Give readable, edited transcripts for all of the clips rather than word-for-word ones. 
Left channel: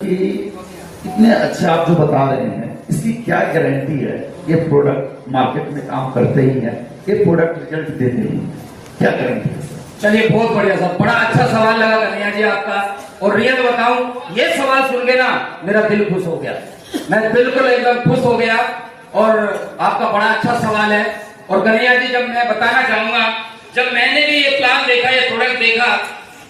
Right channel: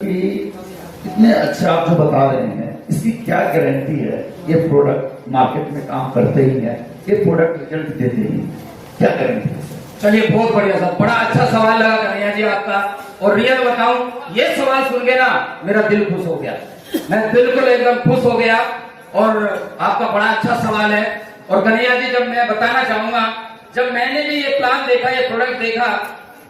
कि इतने अच्छे आप जो बता रहे हैं, इसकी क्या गारंटी है? ये प्रोडक्ट मार्केट में काम करते ही है, ये प्रोडक्ट रिजल्ट देते ही, क्या गारंटी है? चलिए, बहुत बढ़िया साहब, बड़ा अच्छा सवाल लगा कन्हैया जी आपका। और रियल बताऊं, ये सवाल सुन के ना मेरा दिल खुश हो गया, मैं बिल्कुल एकदम खुश हो गया। और आपका बड़ा अच्छा सवाल है। और कन्हैया जी, जब मैं बताना चाहूंगा, जब मैंने भी ये प्लान देखा, ये प्रोडक्ट देखा,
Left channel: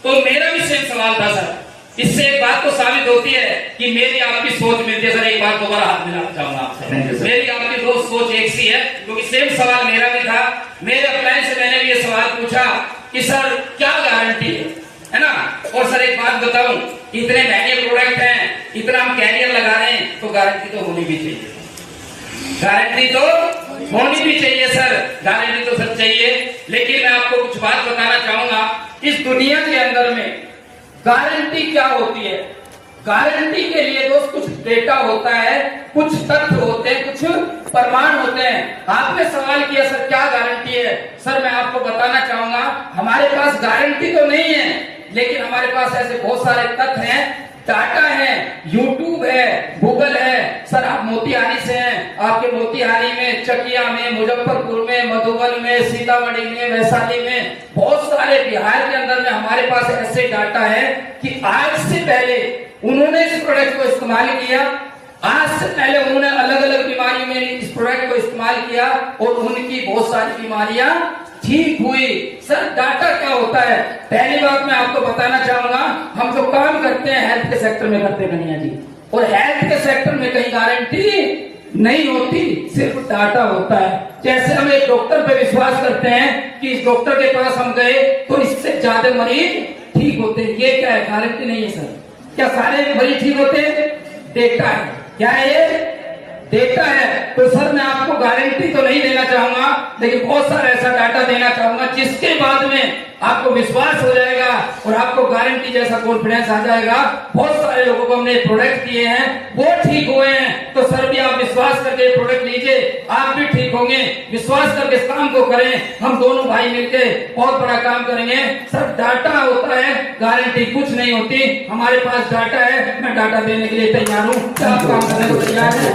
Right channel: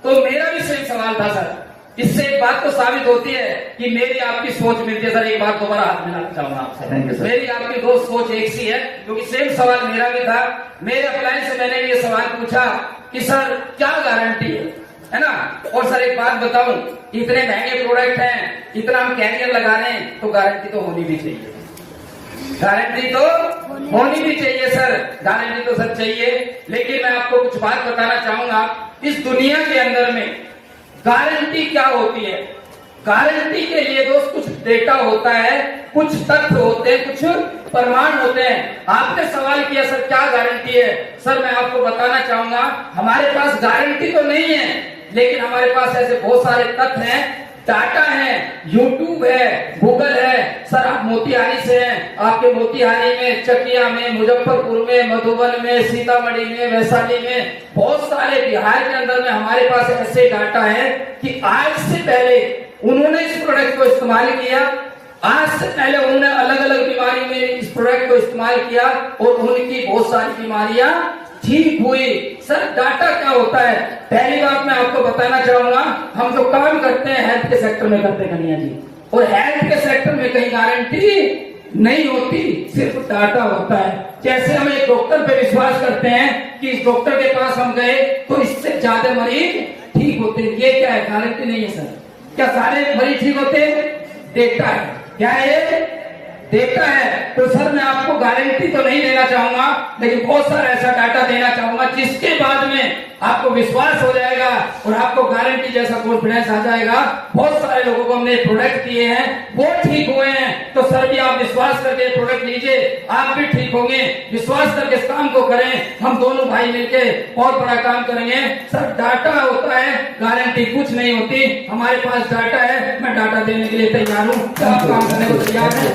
तो मेरा भी सेम सवाल था सर। इससे एक बात तो साबित होती है कि मेरी आपकी सोच मिलती है। सर एक बात दोबारा हाथ मिलाना चाहूंगा आपसे, मेरी आपकी दो सोच एक सी है, क्योंकि सेम सवाल मेरा भी था। मेरे अपलाइन से मैंने भी ये सवाल पूछा कि सर क्या गारंटी है ना। और सर एक बात बताऊं, इतने महंगे प्रोडक्ट हैं, इतना हम कैरियर लगा रहे हैं, तो गारंटी तो होनी भी चाहिए, गारंटी तो होनी भी चाहिए सर, गारंटी तो सर चाहिए। लेकिन मैं आपको कुछ बात बताना चाहूंगा, इस दुनिया के अंदर में गारंटी क्या होती है। गारंटी के लिए दोस्त कुछ डेटा होता है, कुछ तथ्य होते हैं, कुछ प्रमाण होते हैं। आपने सवाल किया सर क्या गारंटी है। सर मैं आपको बताना चाहूंगा, हमारे पास गारंटी तो नहीं है, लेकिन हमारे पास ऐसे बहुत सारे तथ्य हैं, डाटा है, यूट्यूब है, गूगल है। सर आप मोतिहारी से हैं, आपके मोतिहारी में, चकिया में, मुजफ्फरपुर में, मधुबन में, सीतामढ़ी में, वैशाली में, बहुत सारे बिहार के अंदर में हमारे पास ऐसे डाटा है कि आज से पहले उन्होंने इस प्रोडक्ट को इस्तेमाल किया, आज से पहले उन्होंने अलग अलग बीमारी में इस प्रोडक्ट को इस्तेमाल किया और उनकी बहुत सारी बीमारियां ठीक हुई। सर डाटा क्या होता है? पहली बात मैं आपको बताना चाहूंगा, हम जो काम करते हैं हेल्थ के सेक्टर में करते हैं कन्हैया जी, और हेल्थ के सेक्टर में कहीं गारंटी नहीं होती, सिर्फ डाटा होता है। जैसे हम एक डॉक्टर पे विश्वास करते हैं कि इस डॉक्टर के पास हम गए तो इससे ज्यादा मरीज ठीक होते हैं, ये क्या है? गारंटी नहीं है सर। क्या सारे मरीज ठीक होते हैं? डेटा है। क्या है ये? डेटा है। तो सर मैं आपको गारंटी तो नहीं देना चाहूंगा, लेकिन बहुत सारा ऐसा डाटा देना चाहूंगा जिसके बाद में आपको विश्वास हो जाएगा और आपको गारंटी जैसा कॉन्फिडेंस आ जाएगा। बहुत सारे लोगों को हमने प्रोडक्ट दिए हैं, वो ठीक हुए हैं। तो सर भी आप विश्वास करके प्रोडक्ट लीजिए, आप भी ठीक होंगे। विश्वास करके इस काम को करें, हम दोनों भाई मिलके बहुत बड़ा काम करेंगे। सर डाटा होता है, गारंटी कुछ नहीं होती। हमारे पास डाटा है, मैं डाटा देने के लिए तैयार हूँ। आप काम करने को तैयार है?